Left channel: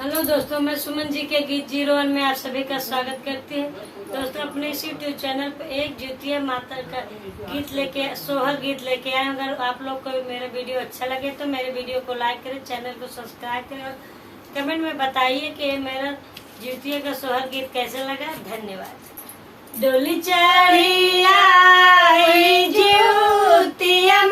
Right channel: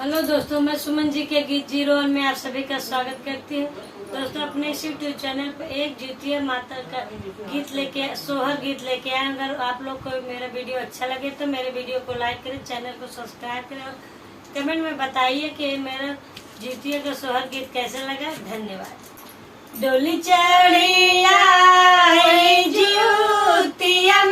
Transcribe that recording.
Hello दोस्तों, मैं सुमन जी के गीत 01 में आप सभी का स्वागत करती हूँ। दोस्तों, अपने इस यूट्यूब चैनल पर एक ज्योतिया माता का गीत लेके सोहर गीत लेके आए। अगर आप लोग को मेरा वीडियो अच्छा लगे तो मेरे वीडियो को लाइक करें, चैनल को सब्सक्राइब करें और कमेंट में बताइए कि मेरा ज्योतिया का सोहर गीत कैसे लगा। धन्यवाद। डोली चढ़ी आई ज्योतिया